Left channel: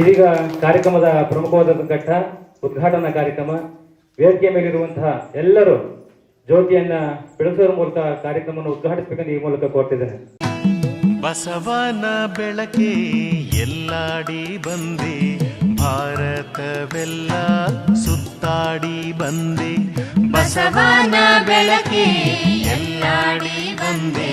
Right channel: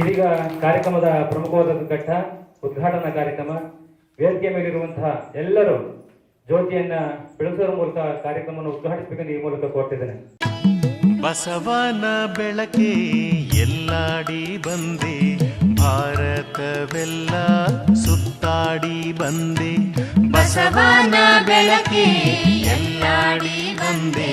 ಇದೀಗ ಕಾರ್ಯಕ್ರಮದ ಪ್ರಮುಖವಾದ ಘಟ್ಟ, ಉದ್ಘಾಟನಾ ಕಾರ್ಯಕ್ರಮ. ವೇದಿಕೆ ಮೇಲಿರುವಂತಹ ಎಲ್ಲರೂ ಜ್ಯೋತಿಯನ್ನ ಬೆಳೆಸುವ ಮೂಲಕ ಕಾರ್ಯಕ್ರಮವನ್ನು ಉದ್ಘಾಟಿಸಬೇಕೆಂದು ಈ ಮೂಲಕ ಕೋರ್ತಿದ್ದೇನೆ. ಬಸವನ ಬೆಳಕೆ ಎಲ್ಲಾಡಿ ಬಂದೆ, ಭಾರತವೆಲ್ಲ ಸುತ್ತಾಡಿ ಬಂದೆ. ಬಸವನ ಬೆಳಕೆ ಎಲ್ಲಾಡಿ ಬಂದೆ.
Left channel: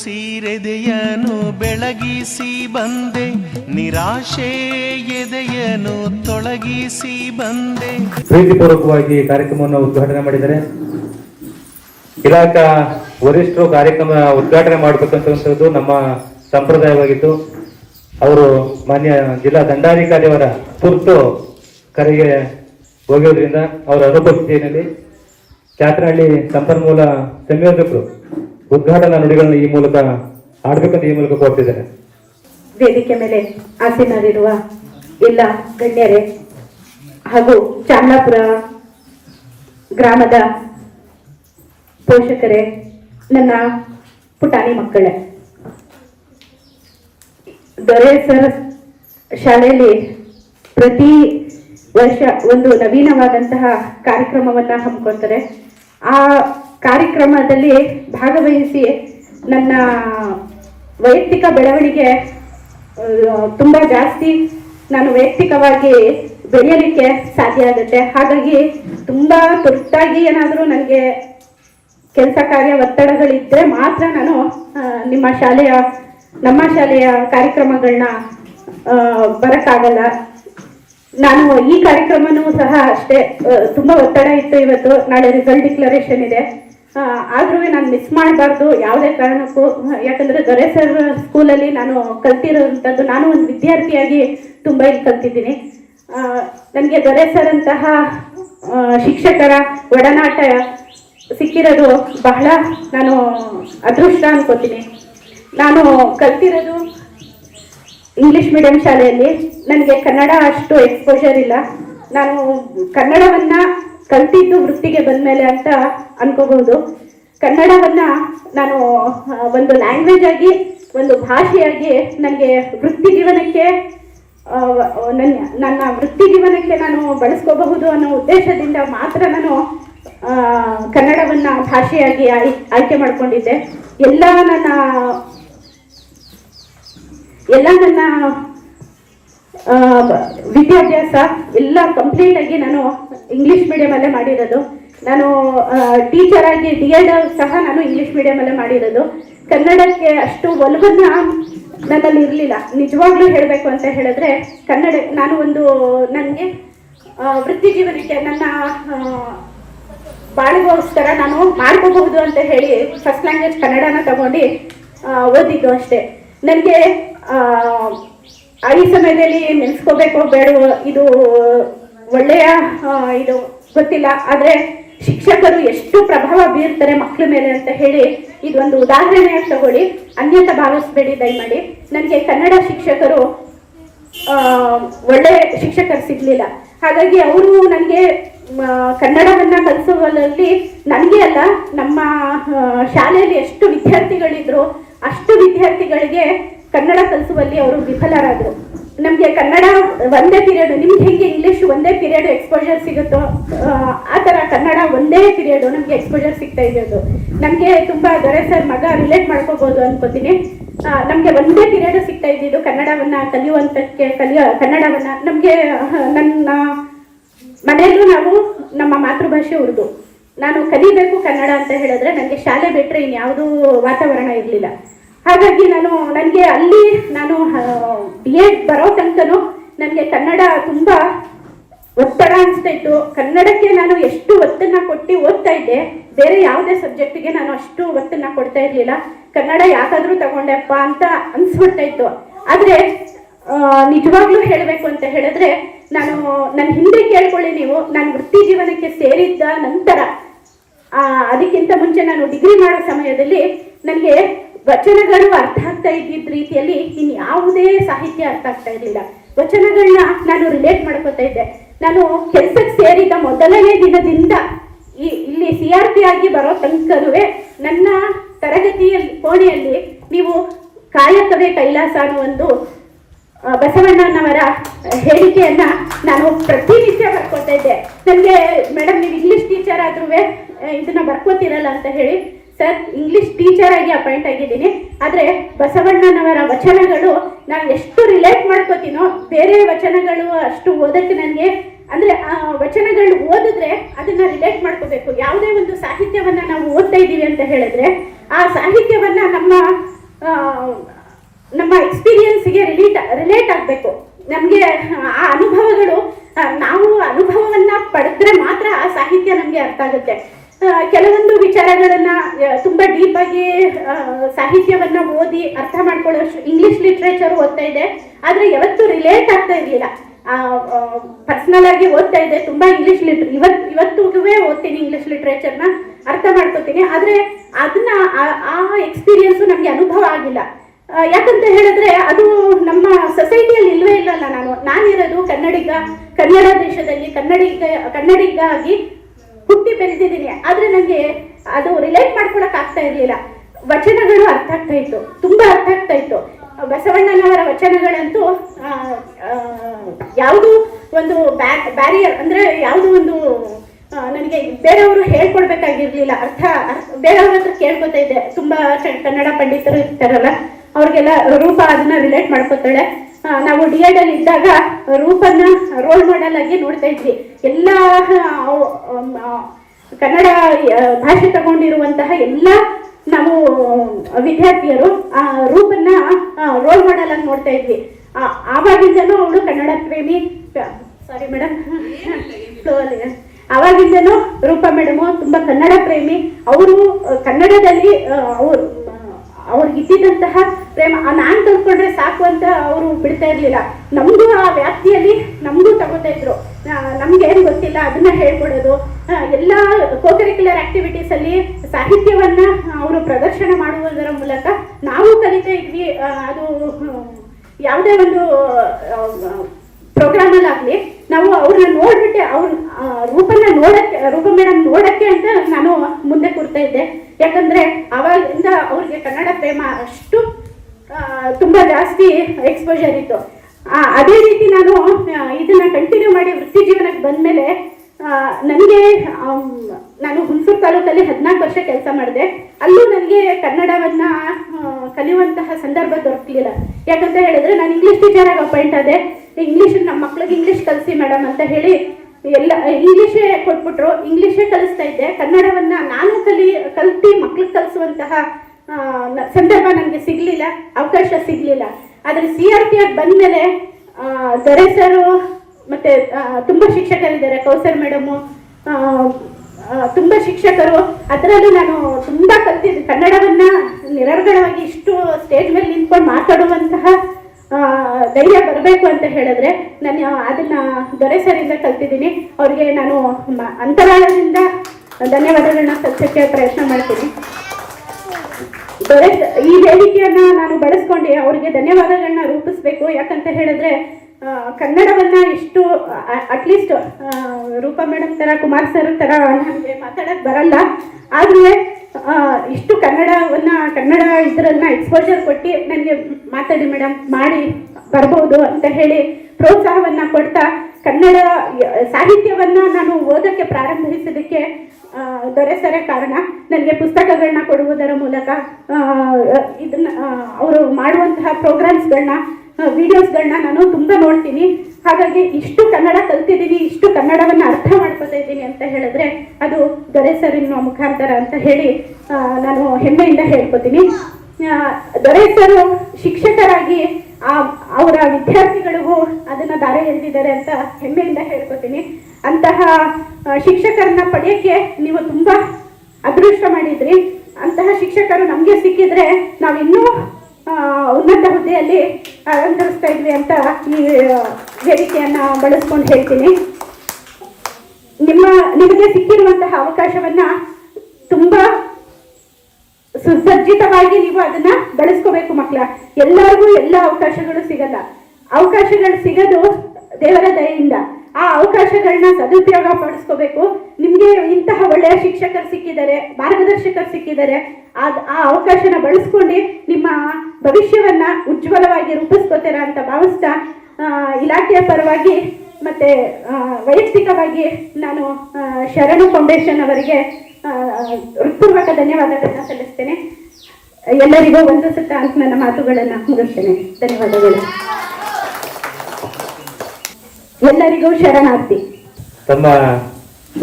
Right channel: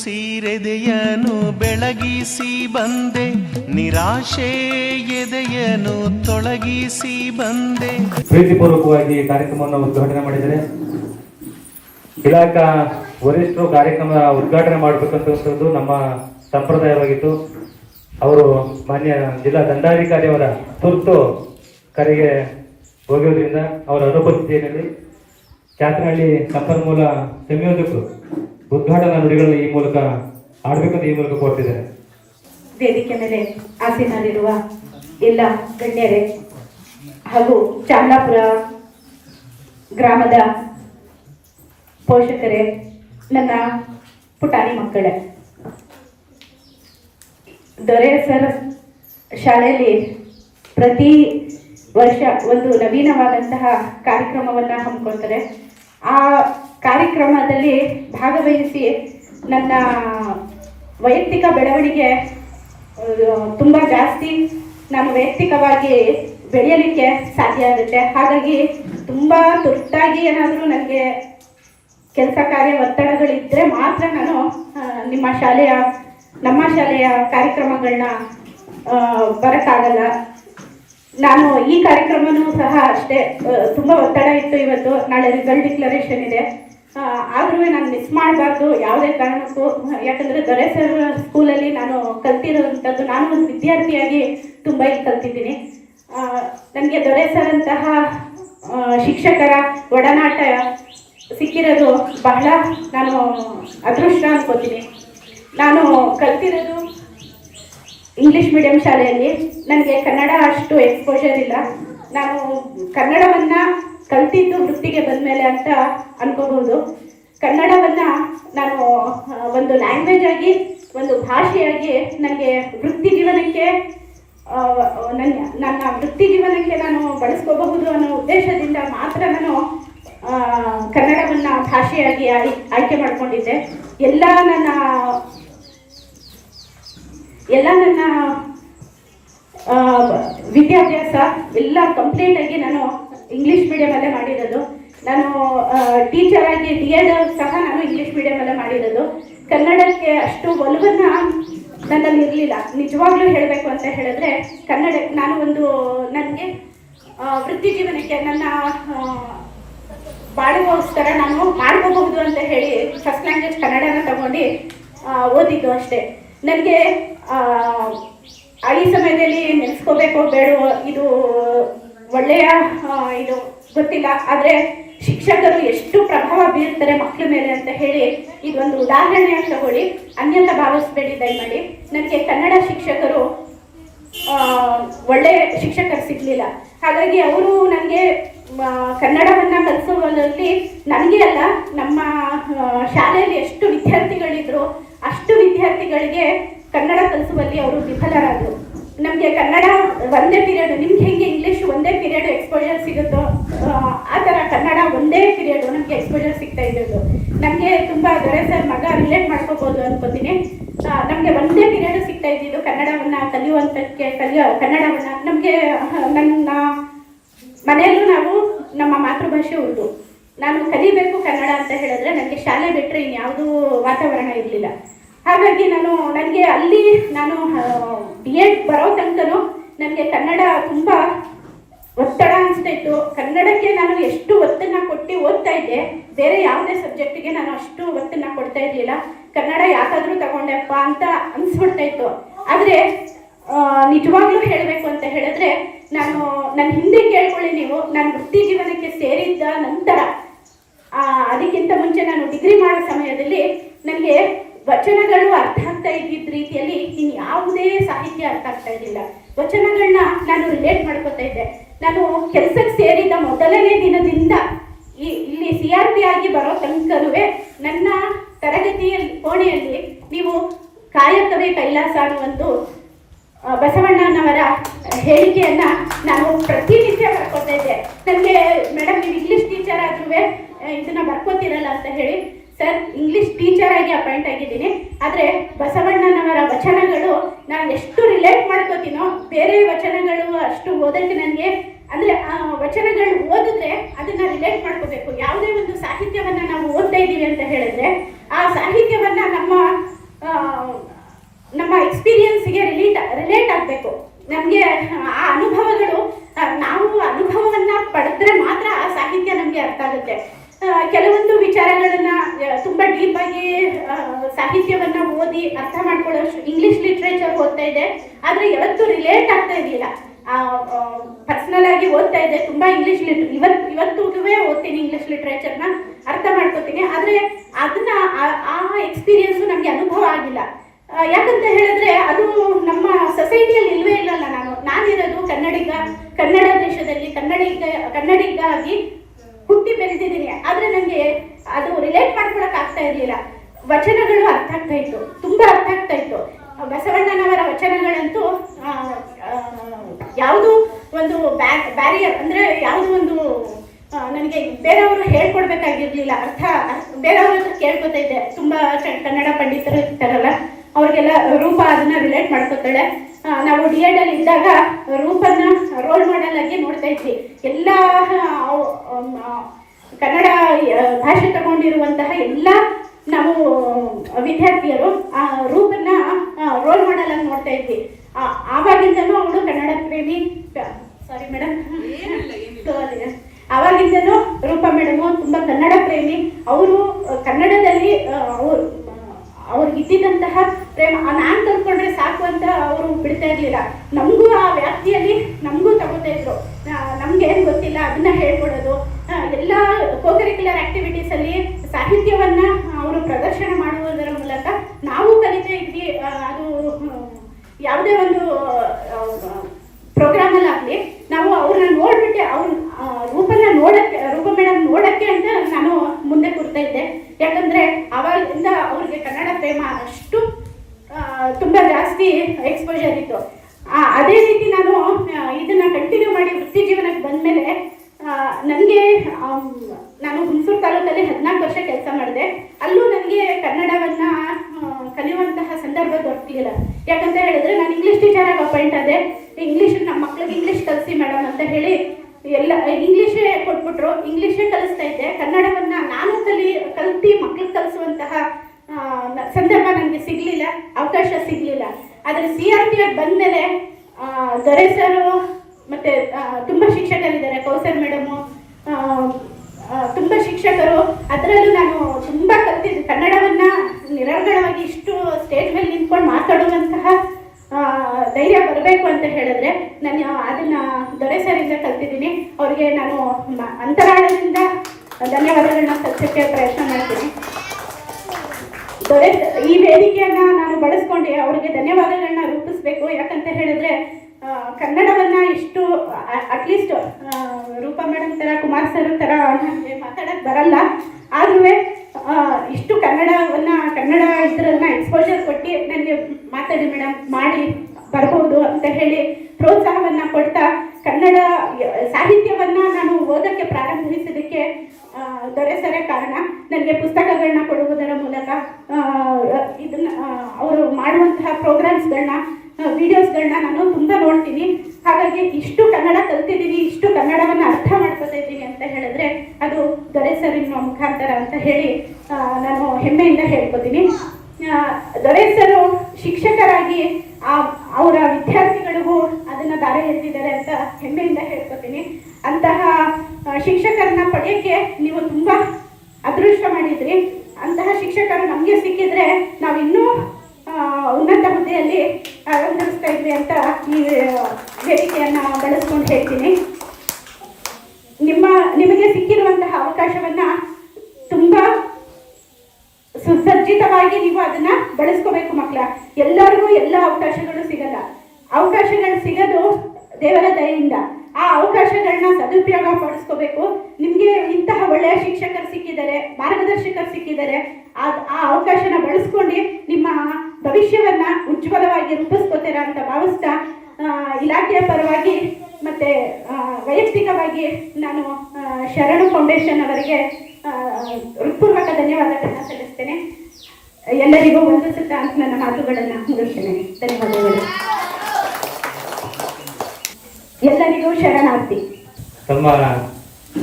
ಸೀರೆದೆಯನು ಬೆಳಗಿಸಿ ಬಂದೆ, ನಿರಾಶೆ ಎದೆಯನು ತೊಳಗಿಸಿ ಬಂದೆ. ಪ್ರೀತಿಪೂರ್ವಕವಾಗಿ ಕಾರ್ಯಕ್ರಮವನ್ನು ಉದ್ಘಾಟನೆ ಮಾಡಿದರೆ ಇಲಾಖಾ ವರಿಷ್ಠರು ಕಾರ್ಯಕ್ರಮ ಉದ್ಘಾಟನೆ ಮಾಡಬೇಕಂತದ್ದು ನಮ್ಮ ಸಂಪ್ರದಾಯವಾಗಿತ್ತು. ಅವರು ಮಾನ್ಯ ಜಿಲ್ಲಾ ದಂಡಾಧಿಕಾರಿಯವರ ತುರ್ತು ಕರೆಗೆ ಹೋಗೋದ್ರಿಂದ ಅವರ ಅನುಪಸ್ಥಿತಿಯಲ್ಲಿ ಚಾತ್ರಹಳ್ಳಿ ಸಂಪನ್ಮೂಲ ಸಂಯೋಜಕರು ಉದ್ಘಾಟನಾ ನುಡಿಗಳನ್ನ ಈ ಮೂಲಕ ಆಡ್ಬೇಕಂತ ಈ ಮೂಲಕ ಕೋರ್ತಿದ್ದೇನೆ ವೇದಿಕೆ ಮೇಲೆ ಆಸೀನರಿರುವ ಎಲ್ಲ ಗಣ್ಯರೇ ಹಾಗೂ ಚಾಮಲಾಪುರ ಗ್ರಾಮದ ಪೋಷಕರೇ, ನನ್ನ ಪುಟಾಣಿ ಮಕ್ಕಳೇ. ದೊರೆ ಸರ್ ಶಾಲೆಯಲ್ಲಿ ಪ್ರತಿ ವರ್ಷ ಒಂದು ನವೀನವಾದಂತಹ ಕಾರ್ಯಕ್ರಮವನ್ನ ಹಮ್ಮಿಕೊಳ್ತಾರೆ. ಆ ಕಾರ್ಯಕ್ರಮದಲ್ಲಿ ಭಾಗವಹಿಸಿ ನನ್ನ ವೈಯಕ್ತಿಕ ಬೆಳವಣಿಗೆ ತುಂಬ ಜಾಸ್ತಿ ನಾನು ವೈಯಕ್ತಿಕವಾಗಿ ಬೆಳೆಯಲಿಕ್ಕೆ ಸಾಧ್ಯ ಆಗುತ್ತೆ. ಹಾಗಾಗಿ ತುಂಬಾ ತುರ್ತಾಗಿ ಏನಾದರೂ ನನಗೆ ಕೆಲಸ ಕಾರ್ಯ ಒತ್ತಡಗಳಿದ್ದರೆ ಮಾತ್ರ ನಾನು ನಿಮ್ಮ ಶಾಲೆಯ, ನಮ್ಮ ಶಾಲೆಯ ಕಾರ್ಯಕ್ರಮಗಳನ್ನ ಬರೋಕ್ಕಾಗಲ್ಲ. ನಾನು ಈ ಕಾರ್ಯಕ್ರಮನೂ ಸಹ ಅಷ್ಟೇ ತುಂಬಾ ಒತ್ತಡ ಇತ್ತು ಇವತ್ತು. ನಾಳೆ ರಿಸಲ್ಟ್ ಡಿಕ್ಲರೇಷನ್ ಇದೆ. ಆದ್ರೂ ನಾನು ಮಿಸ್ ಮಾಡಬಾರ್ದು, ಯಾವುದೇ ಕಾರಣಕ್ಕೂ. ಯಾಕಂದ್ರೆ ದೊರೆ ಸರ್ ಸ್ಕೂಲಲ್ಲಿ ನಾನು ಕಲ್ತಿರುವಂಥದ್ದು, ನಾನು ಒಂದು ವಿದ್ಯಾರ್ಥಿಯಾಗಿ ತುಂಬಾ ಇಲ್ಲಿ ಕಲ್ತಿದ್ದೀನಿ. ನನಗೆ ದೊರೆ ಸರ್ ಅಂತಹ ಶಿಕ್ಷಕರ ಒಡನಾಟ ಸಿಕ್ಕಿರೋದು ಬಹಳ ನಾನು ಅದೃಷ್ಟ ಅನ್ಕೋತೀನಿ. ನಾನು ಕಲ್ತಿರೋದು ಇಂಗ್ಲಿಷ್ ಮೀಡಿಯಂ ಶಾಲೆಯಲ್ಲಿ. ನನಗೆ ಕನ್ನಡ ಅಷ್ಟು ಎಕ್ಸ್ಪೋಷರ್ ಇಲ್ಲ. ನಾನು ಕನ್ನಡವನ್ನ ಕಲ್ತಿದ್ದು ವೃತ್ತಿಗೆ ಬಂದ್ಮೇಲೆ ಅಂತ ಅನ್ಕೋಬಹುದು. ಕನ್ನಡವನ್ನ ನಾನು ಒಂದು ಲ್ಯಾಂಗ್ವೇಜ್ ಆಗಿ, ಒಂದು ಭಾಷೆಯಾಗಿ ನನಗೆ ವೃತ್ತಿ ಜೀವನಕ್ಕೆ ನನ್ನ ವೃತ್ತಿ ಜೀವನಕ್ಕೆ ನಾನು ಬಳಸ್ಕೋಬಹುದು ಅನ್ನೋ ಉದ್ದೇಶದಿಂದ ಮಾತ್ರ ನಾನು ಕನ್ನಡವನ್ನ ಭಾಷೆಯಾಗಿ ಆಯ್- ಆಯ್ಕೆ ಮಾಡ್ಕೊಂಡಿದ್ದೆ. ಎಲ್ಲ ನನ್ನ ಎಲ್ಲ ನನ್ನ ವಿದ್ಯಾಭ್ಯಾಸ ಎಲ್ಲ ಕಂಪ್ಲೀಟ್ ಆಗಿ ನಾನು ಇಂಗ್ಲಿಷ್ ಮೀಡಿಯಂ ಅಲ್ಲೇ ಮಾಡಿರೋದು. ನಾನು ಟೀಚರ್ ಆಗಿ ಡಿ ಎಡ್ ಸಹ ನಾನು ಇಂಗ್ಲಿಷ್ ಮೀಡಿಯಂ ಅಲ್ಲೇ ಮಾಡಿರೋದು. ಕನ್ನಡಕ್ಕೆ ಅಷ್ಟು ಒಲವನ್ನ ನನ್ನಲ್ಲಿ ಇರಲಿಲ್ಲ. ನಿಜವಾಗ್ಲೂ ಹೇಳಬೇಕು ಅಂತ ಹೇಳಿದ್ರೆ, ಕನ್ನಡ, ನಾನು ಒಂದು, ನನಗೆ ವೃತ್ತಿ ಜೀವನಕ್ಕೆ ನನ್ನ ಬಾಳಿಗೋಸ್ಕರ ನಾನು ಮಾಡ್ಕೋಬಹುದು ಅಂತ ಹೇಳಿ ಫಸ್ಟ್ ಲ್ಯಾಂಗ್ವೇಜ್ ಕನ್ನಡನ ತಗೊಂಡು ಓದಿದ್ದು ಅಷ್ಟೇ. ನನಗೆ ಈ ಸಮಯದಲ್ಲಿ ನೆನೆಸ್ಕೋಬೇಕೋ ಬೇಡವೋ, ಇದು ಒಳ್ಳೆಯ ಇದು ಗೊತ್ತಿಲ್ಲ. ಆದರೆ ಶಿಕ್ಷಕರು ಎಷ್ಟು ಪ್ರಭಾವ ಬೀರ್ತಾರೆ ಮಕ್ಕಳ ಮೇಲೆ ಅಂತ ಹೇಳಿ ಇದೊಂದು ಉದಾಹರಣೆಯಾಗಿ ತಗೊಳ್ಳಿ. ಅನ್ಯತ ಭಾವಿಸ್ಬೇಡಿ, ದಯಮಾಡಿ. ನನಗೆ ಕನ್ನಡ ಶಿಕ್ಷಕರು ಒಳ್ಳೆ ಶಿಕ್ಷಕರು ಸಿಗ್ಲಿಲ್ಲ. ಹಾಗಾಗಿ ಅವರು ನನಗೆ ಕನ್ನಡವನ್ನ ಕಲಿಸುವಲ್ಲಿ ನನಗೆ ಅಲ್ಲ, ನಮ್ಮ ಶಾಲೆಯಲ್ಲಿ ಎಷ್ಟು ವಿದ್ಯಾರ್ಥಿಗಳಿದ್ರು ಅಷ್ಟು ವಿದ್ಯಾರ್ಥಿಗಳಿಗೆ ಕನ್ನಡ ಕಲಿಸುವಲ್ಲಿ ಅವರು ವಿಫಲರಾದರು. ನಮಗೆ ಕನ್ನಡ ಒಂದೇ ಪೀರಿಯಡ್ ನಿಮ್ಗೆ ಹೆಂಗೆ ಇಂಗ್ಲಿಷ್ ಒಂದೇ ಪೀರಿಯಡ್ ಎಕ್ಸ್ಪೋಜರ್ ಸಿಗುತ್ತೋ ಆ, ಥರ ಕನ್ನಡ ಒಂದೇ ಪೀರಿಯಡ್ ನಮಗೆ ಎಕ್ಸ್ಪೋಜರ್ ಸಿಗ್ತಾ ಇರೋದು. ನಮಗೆ ತುಂಬಾ ದೊರೆ ಸರ್ ಮಗ ರಿಲೇಟ್ ಮಾಡ್ಕೋಬೋದು ಅನ್ಕೋತೀನಿ. ನಮಗೆ ಒಂದೇ ಪೀರಿಯಡ್ ಸಿಗ್ತಾ ಇದ್ದಿದ್ದು ಕನ್ನಡವನ್ನ ಕಲಿಯುವಂತಕ್ಕೆ ಕಲಿಯೋ ಕನ್ನಡವನ್ನ. ನಮಗೆ ನನ್ನ ಮನೆಯಲ್ಲೂ ನಾವು ನಮ್ಮ ಮಾತೃಭಾಷೆ ಉರ್ದು. ನಾನು ಕಲಿಬೇಕು ಕನ್ನಡ ಅಂತ ಹೇಳಿದ್ರೆ ನನಗೆ ಶಾಲೆ ಬಿಟ್ಟರೆ ಇನ್ಯಾವುದೂ ವಾತಾವರಣ ಇರಲಿಲ್ಲ. ಹಾಗಾಗಿ ನಾನು, ನನಗೆ ಅಲ್ಲಿ ನಾನು ಬಿ ಎಡ್ ಬರೋ ತನಕನೂ ನನಗೆ ಕನ್ನಡ ತುಂಬ ಒತ್ತಡ ಅನಿಸ್ತಾ ಇತ್ತು. ಕನ್ನಡಕ್ಕೆ ನಾನು ಎಷ್ಟು ಒತ್ತನ್ನ ಕೊಟ್ಟು ಓದ್ತಾ ಇದ್ದೆ, ಬೇರೆ ಯಾವುದೇ ಸಬ್ಜೆಕ್ಟಿಗೆ ನಾನು ಅಷ್ಟು ಒತ್ತನ್ನ ಕೊಡ್ತಾ ಇರಲಿಲ್ಲ. ಕನ್ನಡ ಯಾಕಾದರೂ ತಗೊಂಡೆಪ್ಪ ಅಂತ ಅನ್ಸ್ಬಿಡ್ತಾ ಇತ್ತು. ಆದರೆ ನಿಜವಾಗ್ಲೂ ಹೇಳಬೇಕು ಅಂತ ಹೇಳಿದ್ರೆ, ನಾನು ನನ್ನ ಹಿಂದೆ ಕೇಳ್ಕೊಳ್ಳಿ ನೀವು. ನಾನು ವೃತ್ತಿ ಜೀವನಕ್ಕೆ ಸೇರಿದ್ದ ನಂತರ ಅದಕ್ಕಿಂತ ಮುಂಚೆ ನಾನು ಡಿಗ್ರಿ ಮಾಡೋ ಸಮಯದಲ್ಲಿ, ನನಗೆ ವಚನಗಳು ಅರ್ಥ ಆಗ್ತಾ ಇದ್ದಿದ್ದ ರೀತಿಯಲ್ಲಿ ಇನ್ ಯಾವುದೇ ಸಾಹಿತ್ಯ ಅರ್ಥ ಆಗ್ತಾ ಇರಲಿಲ್ಲ ವಚನಗಳನ್ನ ನಾನು ರಿಲೇಟ್ ಮಾಡ್ಕೋತಾ ಇದ್ದೆ. ನಾನು ಕೆಲಸಕ್ಕೆ ಸೇರಿದ ಮೊದಲನೇ ದಿನದಿಂದ ಈ ಇಲ್ಲಿ ಸಿ ಆರ್ ಪಿ ಆಗಿ ಬರೋ ತನಕನೂ ನನ್ನ ತರಗತಿಯ ಕೋಣೆಯಲ್ಲಿ ನೀವು ಕಾಯಕವೇ ಕೈಲಾಸ ಅನ್ನೋ ಬಸವಣ್ಣನವರ ಹೇಳಿಕೆಯನ್ನ ನಾನು ಪ್ರತಿನಿತ್ಯ ಬರ್ಕೋತಾ ಇದ್ದೆ. ನನಗೆ, ಮೇಡಮ್, ನೀವು ಇಂಗ್ಲಿಷ್ ಟೀಚರ್ ಆದ್ರೂ ಇದನ್ನ ಬರ್ಕೋತಿರಲ್ಲ ಅಂತ ಹೇಳಿ ಸರ್ ಇಂಗ್ಲಿಷ್ ಟೀಚರ್ ಆಗಿ ಅಪಾಯಿಂಟ್ ಆಗಿದ್ದೀನಿ. ಆದ್ರೆ ಬಸವಣ್ಣನವರ ವಚನಗಳು ನಾನು ಎಷ್ಟು ರಿಲೇಟ್ ಮಾಡ್ಕೋತೀನೋ, ಬೇರೆ ವಚನಗಳು ಅಷ್ಟು ಓದಕ್ಕೆ ನನಗೆ, ಅಂದ್ರೆ ಆ ವಚನಗಳು ಓದಿದ್ರೆ ಅದನ್ನ ರಿಲೇಟ್ ಮಾಡ್ಕೋಬೇಕು. ಯಾವುದೇ ಒಂದು ಸಾಹಿತ್ಯವನ್ನ ನಾವು ಓದ್ತಾ ಇದ್ದೀವಿ ಅಂತ ಹೇಳಿದ್ರೆ, ಆ ಸಾಹಿತ್ಯವನ್ನ ನಮ್ಮ ನಮ್ಮ ಎಕ್ಸ್ಪೀರಿಯನ್ಸ್ಗೆ ರಿಲೇಟ್ ರಿಲೇಟ್ ಆಗಬೇಕು. ನಮಗೆ ಆ ಅನುಭವಗಳು ನಾವು ಅನುಭವವನ್ನ ಪಡೆದ್ರೆ ಮಾತ್ರ ಆ ಸಾಹಿತ್ಯ ನಮಗೆ ಅರ್ಥ ಆಗುತ್ತೆ. ಕೆಲವೊಂದು ವಿಚಾರಗಳನ್ನ ತುಂಬಾ ಡೀಪ್ ಆಗಿ ಸಾಹಿತ್ಯವನ್ನ ಓದಿ ಅರ್ಥ ಮಾಡ್ಕೊಳ್ಳೋಷ್ಟು ಇಂಗ್ಲಿಷ್ ಲಿಟ್ರೇಚರ್ ಓದ್ತಾ ಇದೆ ಆದ್ರೆ ಯಾವತ್ತೂ ರಿಲೇಟ್ ಆಗ್ತಾ ಇರ್ಲಿಲ್ಲ. ಪರ್ಸನಲ್ ಆಗಿ ಓದ್ತಾ ಇದೆ ತುಂಬಾ ಇಂಗ್ಲಿಷ್ ಲಿಟ್ ಇವತ್ ಇವತ್ತು ಓದ್ತೀನಿ ಇಂಗ್ಲಿಷ್ ಲಿಟ್ರೇಚರ್ನ ಅರ್ಥ ಮಾಡ್ಕೋತೀನಿ. ಆದ್ರೆ ಅದನ್ನ, ಆ- ಎಕ್ಸ್ಪೀರಿಯನ್ಸ್ ನಮ್ಗೆ ಅನುಭವ ಆಗಿಲ್ಲ. ಯಾಕಂತ ಹೇಳಿದ್ರೆ ಅದು ನಮ್ಮ ಸೊಸೈಟಿಯಲ್ಲಿ ಇಲ್ವೇ ಇಲ್ಲಲ್ಲ ನಾನು. ನಾನಿರೋದು ಕನ್ನಡಿಗ, ಕನ್ನಡ ದೇಶದಲ್ಲಿ ಕನ್ನಡಿಗ ಕನ್ನಡಿಗ ಆಗಿ ಹುಟ್ಟಿ ಬೆಳೆದಿದ್ದೀನಿ ಆದ್ರೆ ನನಗೆ ಅದು ರಿಲೇಟ್ ಮಾಡ್ಕೊಳಕ್ ಆಗ್ತಾ ಇರ್ಲಿಲ್ಲ. ವಚನಗಳು ಅರ್ಥ ಆಗ್ತಾ ಇತ್ತು. ತುಂಬಾ ಅರ್ಥ ಆಗ್ತಾ ಇತ್ತು. ಬಸವಣ್ಣನವರ ವಚನಗಳಂತೂ ಯಾವುದು ಒಂದು ಬ್ಯಾರಿಯರ್ ಅಂದ್ರೆ ಯಾವುದು ಒಂದು ನನಗೆ ಬೇರೆಯವರು ಹೇಳ್ಕೊಡ್ಬೇಕಾಗಿರ್ಲಿಲ್ಲ. ಅರ್ಥ, ಬೇರೆಯವ್ರ ಹತ್ರ ಕೇಳ್ಕೊತಾ ಇದ್ದೆ. ತುಂಬಾ ಕನ್ನಡ ಪಂಡಿತರು ಇರ್ತಾರಲ್ಲ, ಅವ್ರಿಗೆಲ್ಲ ರೂಪ ಅದನ್ನ ರಿಲೇಟ್ ಮಾಡ್ಕೊತಾಳೆ. ನಾವು ಡಿ ಎಡ್ ಅಲ್ಲಿ ಇದ್ದಾಗ ರೂಪನ್ನ ರೋಲ್ ಮಾಡೆಲ್ ಆಗಿ ನೋಡ್ತಾ ಇದ್ವಿ. ಎಲ್ಲ ಕನ್ನಡ ಭಾಷೆ ತಗೊಂಡಿರುವಂತಹ ಎಲ್ಲ ನಾವು ವಿದ್ಯಾರ್ಥಿಯರು ಆ ರೂಪನ್ನ ರೋಲ್ ಮಾಡೆಲ್ ಆಗಿ ನೋಡ್ತಾ ಇದ್ವಿ. ಆವಾಗಿಂದನೂ ಅವಳು ಕನ್ನಡ ಪ್ರೇಮಿ. ಸಾರಿ ಮೇಡಮ್ ಅವಾಗಿಂದನೂ ರೂಪ ಮೇಡಮು ತುಂಬಾ ಕನ್ನಡ ಪ್ರೇಮಿ. ಅವರು ಕನ್ನಡದಲ್ಲಿ ಅವರು ಅವ್ರಿಗೆ ಇದ್ದಿದ್ದಂತಹ ಪ್ರೇಮ ನಾನ್ ಕಲ್ತ್ಕೊಂಡ್ರೆ ಸಾಕು ಅಂತ ಅವರು ಬಿಡ್ತಾ ಇರ್ಲಿಲ್ಲ. ನಮ್ಗೂ ಆ ವ್ಯಾಪ್ತಿಯಲ್ಲಿ ನಮ್ಗೂ ತಗೋತಾ ಇದ್ರು. ನಮ್ಗೆ ಏನ್ ಗೊತ್ತಿಲ್ಲ, ಅದನ್ನ ಹೇಳ್ಕೊಡೋದು. ಎಲ್ಲಾ ಕೋಕರಿಕ್ಯುಲರ್ ಆಕ್ಟಿವಿಟೀಸ್ ಅಲ್ಲಿ ಸಾಹಿತ್ಯವನ್ನ ಅವರು ಪ್ರದರ್ಶನ ಮಾಡುವುದರ ಮೂಲಕ ನಾವು ಕಲಿತಾ ಇದ್ವಿ. ಅದು ಯಾವುದೇ ಒಂದು ಪ್ರೋಗ್ರಾಮ್ ಅಲ್ಲಿ ಆಗ್ಲಿ ನಾವು ಅವ್ರನ್ನ ನೋಡ್ಬಿಟ್ಟೆ ಅವ್ರ ರೂಪನ ನೋಡಕ್ಕೆ ರೂಪ ಮೇಡಮ್ ಅಂತ ನಾನು ಮುಂದೆ ಕೂರ್ತಾ ಇದ್ದೆ ಯಾಕಂದ್ರೆ ಅವಾಗಿಂದ ಅವ್ರಿಗೆ ಕನ್ನಡ ಪ್ರೇಮ ಅಷ್ಟು ಆ, ತುಂಬಾ ಜಾಸ್ತಿ ಎಕ್ಸ್ಪೋಜರ್ ಇತ್ತು ಆ, ಅದೇ ರೀತಿ ನಾನು ಆ, ಇದನ್ನ ಕಂಟಿನ್ಯೂ ಮಾಡಿ ವೃತ್ತಿ ಜೀವನಕ್ಕೆ ಬಂದ್ಮೇಲೆ ನನಗೆ ನಾನು ಹುಣಸೂರು ತಾಲೂಕಲ್ಲಿ ಹದಿನಾಲ್ಕು ವರ್ಷ ಕೆಲಸ ಮಾಡಿದೆ ಅಲ್ಲೂ ನನಗೆ ಕನ್ನಡವನ್ನ ಆ, ಕಲಿಯುವಂತಹ ಸಂದರ್ಭ ದೊರಕಲಿಲ್ಲ. ಯಾಕಂತ ಹೇಳಿದ್ರೆ ನಾನು ಇಂಗ್ಲೀಷ್ ಟೀಚರ್ ಆಗಿ ಅಪಾಯಿಂಟ್ ಆದೆ. ಇಂಗ್ಲೀಷ್ ನಮ್ಮ ಮಕ್ಳಿಗೆ ಇಂಗ್ಲೀಷ್ ಕಲಿಸಿ ಮೇಡಮ್ ಅಂತ ಹೇಳಿ ಎಲ್ಲ ಇಂಗ್ಲೀಷೇ ಕೊಟ್ಬಿಟ್ರು. ಇಂಗ್ಲೀಷೇ ಕಲಿಸ್ತಾ ಇದ್ದೆ. ಕನ್ನಡವನ್ನ ನಾನು ಕಲಿ, ಕಲ್ತಿ ಮಕ್ಳಿಗೆ ಕಲಿಸುವಂತಹ ಸಂದರ್ಭ ನನಗೆ ಸಿಗ್ಲಿಲ್ಲ. ಅವಕಾಶ ಸಿಗ್ಲಿಲ್ಲ. ಆದ್ರೆ ಸಿ ಆರ್ ಪಿ ಆಗಿ ಬಂದ್ಮೇಲೆ ದೊರೆ ಸರ್ ಮತ್ತೆ ತುಂಬಾ ಶಿಕ್ಷಕರಿದ್ದಾರೆ. ಕೌಸರ್ ಮೇಡಮು ತುಂಬಾ ಶಿಕ್ಷಕರು, ಅದರಲ್ಲೂ ನಾನು ತುಂಬಾ ಕಲ್ತಿದ್ದೆ ಕನ್ನಡವನ್ನ ನಿರರ್ಗಳವಾಗಿ ಇಷ್ಟು ಸ್ಟೇಜ್ ಮೇಲೆ ನಿಂತ್ಕೊಂಡು ಮಾತಾಡುವಂತಹ ಧೈರ್ಯ ಬರಬೇಕು ಅಂತ ಹೇಳಿದ್ರೆ ನಾನು ಅದನ್ನ ದೊರೆ ಸರಿಂದ ಕಲ್ತಿದ್ದೀನಿ. ಅವ್ರಿಗೆ ನಾನು ಅಂತರಾಳದಿಂದ ಧನ್ಯವಾದಗಳನ್ನ ಸಲ್ಸಕ್ಕೆ ಪ್ರಯತ್ನ ಮಾಡ್ತೀನಿ. ಈ ವೇದಿಕೆಯನ್ನ ನಾನು ಬಳಸ್ಕೊಂಡು, ಅವರಿಗೆ ಧನ್ಯವಾದಗಳನ್ನ ರೂಪಿಸ್ಬೇಕು. ಯಾಕಂತ ಹೇಳಿದ್ರೆ ಕನ್ನಡವನ್ನ ಇಷ್ಟು ಅಟ್ಲೀಸ್ಟ್ ರೂಪಾ ಮೇಡಮ್ ತರ, ಕುಮಾರ್ ಸರ್ ತರ ನನಗೆ ಮಾತಾಡಕ್ ಬರಲ್ಲ. ಆದ್ರೆ ಇಷ್ಟು ಕನ್ನಡವನ್ನ, ಕನ್ನಡ ಇದ್ರನ್ನ ಎಕ್ಸ್ಪೋಜರ್ ಕೊಟ್ಟು ನನಗೆ ಮಾತಾಡಿ ಮೇಡಮ್ ಮಾಡಿ ಬರ್ಬೋದು ಅಂತ ಹೇಳಿ ಪ್ರೋತ್ಸಾಹವನ್ನ ಕೊಡ್ತಾ, ಕನ್ನಡ ಸಾಹಿತ್ಯವನ್ನ ನಾನು ಓದಕ್ಕೆ ಪ್ರಾರಂಭಿಸೋದಕ್ಕೆ ದೊರೆತರೆ ಕಾರಣ ನನಗೆ ಪುಸ್ತಕಗಳನ್ನ ಕೊಡುವುದರ ಮೂಲಕ ಇದನ್ನ ಅವರು ಮಾಡುವಂತಹ ಪ್ರೋಗ್ರಾಮ್ಸ್ಗಳನ್ನ ವಿಡಿಯೋಸ್ಗಳನ್ನ ನಾನು ತುಂಬಾ ನೋಡ್ತೀನಿ. ಹಾಗಾಗಿ ಇಷ್ಟು ಕನ್ನಡ ಕಲ್ತಿದ್ದೀನಿ, ಇಷ್ಟು ಕನ್ನಡವನ್ನು ಅರ್ಥ ಮಾಡ್ಕೊತಾ ಇದ್ದೀನಿ ಅಂತ ಹೇಳಿದ್ರೆ ಅದು ದೊರೆ ಮುಖಾಂತರ ಅಂತ ಹೇಳಿ ನಾನು ಹೆಮ್ಮೆಯಿಂದ ಹೇಳ್ಕೊತೀನಿ. ದೊರೆ ಶಿಕ್ಷಕರಾಗಿ ಅವರ ವಿದ್ಯಾರ್ಥಿಗಳಿಗೂ ಅದನ್ನ ದಾರಿ ಎಳೆದಿದ್ದಾರೆ ಅಂತ ಹೆಮ್ಮೆಯಿಂದ ಹೇಳ್ಕೊತೀನಿ. ಅಂತಹ ಶಿಕ್ಷಕರನ್ನ ಪಡೆಯಕ್ಕೆ ನೀವು ತುಂಬಾ ಅದೃಷ್ಟ ಮಾಡಿದ್ರಿ. ಅಂತಹ ಶಿಕ್ಷಕರು ನಮ್ಗೆ ಸಿಕ್ಕಿದ್ರೆ ನಾವು ಇನ್ನೂ ನನ್ನ ಹುದ್ದೆಯಲ್ಲಿ ಅಲಂಕರಿಸ್ತಾ ಇದ್ರಿ ಅಂತ ಈ ಹೇಳಿಕೆಯನ್ನ ಬಳಸ್ಕೊಂಡು ಹೇಳ್ತೀನಿ. ನಿಮ್ಮ, ನಿಮಗೆ ಸಿಕ್ಕಿರುವಂತಹ ಅವಕಾಶವನ್ನ ತುಂಬಾ ಸುಸಜ್ಜಿತವಾಗಿ ನೀವು ಅದನ್ನ ಬಳಸ್ಕೋಬೇಕು ಮಕ್ಕಳ ಎಲ್ಲರಿಗೂ ಎಲ್ಲ ಅವಕಾಶಗಳು ಸಿಗಲ್ಲ. ಅವಕಾಶಗಳು ಸಿಗದು ದೇವರ ದಯೆಯಿಂದ. ಆ ಅವಕಾಶಗಳನ್ನ ಸದುಪಯೋಗ ಪಡಿಸ್ಕೋಬೇಕು. ನಿಮ್ಗೆ ಇಂತಹ ಒಳ್ಳೆಯ ಶಿಕ್ಷಕರು ಸಿಕ್ಕಿದ್ದಾರೆ, ಮಾರ್ಗದರ್ಶಕರು ಸಿಕ್ಕಿದ್ದಾರೆ. ಆ ಅವಕಾಶನ ಬಳಸ್ಕೊಂಡು ನಿಮ್ಮ ಭವಿಷ್ಯವನ್ನ ಉಜ್ವಲವಾಗಿ ರೂಪಿಸ್ಕೋತೀರಾ ಅಂತ ಭಾವಿಸ್ತಾ ಇಲಾಖೆಯ ಪರವಾಗಿ ಮತ್ತೆ ವೈಯಕ್ತಿಕವಾಗಿ ನಾನು ಶರಣು ಫೌಂಡೇಶನ್ ಅವರಿಗೆ ಹೃತ್ಪೂರ್ವಕ ಧನ್ಯವಾದಗಳನ್ನ ಸಲ್ಲಿಸ್ತೇನೆ. ಎಲ್ಲರಿಗೂ ಒಂದು ಸುತ್ತ ನನ್ನ ಮಾತುಗಳನ್ನು ಮುಗಿಸ್ತೇನೆ. ಧನ್ಯವಾದಗಳು. ಎಲ್ಲರಿಗೂ ಶರಣಾರ್ಥಿ ತಮ್ಮ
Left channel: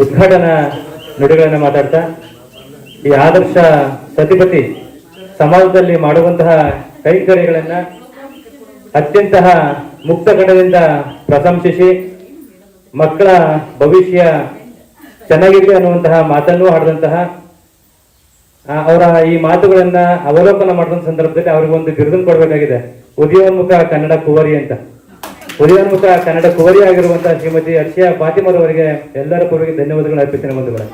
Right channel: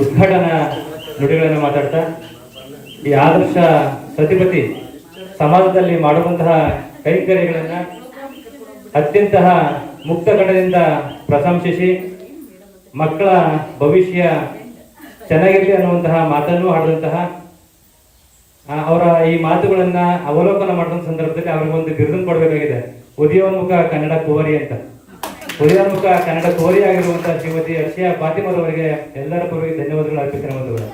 ಉದ್ಘಾಟನಾ ನುಡಿಗಳನ್ನು ಮಾತಾಡ್ತಾ, ಈ ಆದರ್ಶ ಸತಿಪತಿ ಸಮಾಜದಲ್ಲಿ ಮಾಡುವಂತಹ ಕೈಂಕರ್ಯಗಳನ್ನ ಅತ್ಯಂತ ಮುಕ್ತ ಕಣದಿಂದ ಪ್ರಶಂಸಿಸಿ, ಮಕ್ಕಳ ಭವಿಷ್ಯ ಚೆನ್ನಾಗಿದೆ ಅನ್ನುವಂತಹ ಮಾತನ್ನು ಆಡಿದಂತಹ ಅವರ ಈ ಮಾತುಗಳನ್ನ ಅವಲೋಕನ ಮಾಡಿದ ಸಂದರ್ಭದಲ್ಲಿ ಅವರಿಗೆ ಒಂದು ಬಿರುದನ್ನು ಕೊಡಬೇಕಾಗಿದೆ. ಉದಯೋನ್ಮುಖ ಕನ್ನಡ ಕುವರಿ ಅಂತ. ಉದಯೋನ್ಮುಖ ಕನ್ನಡ ಕುವರಿ ಆಗಿರುವಂತಹ ಶ್ರೀಮತಿ ಅರ್ಷಿಯಾ ಫಾತಿಮರವರಿಗೆ ಎಲ್ಲರ ಪರವಾಗಿ ಧನ್ಯವಾದಗಳು ಅರ್ಪಿಸಿನ ಬಂಧುಗಳು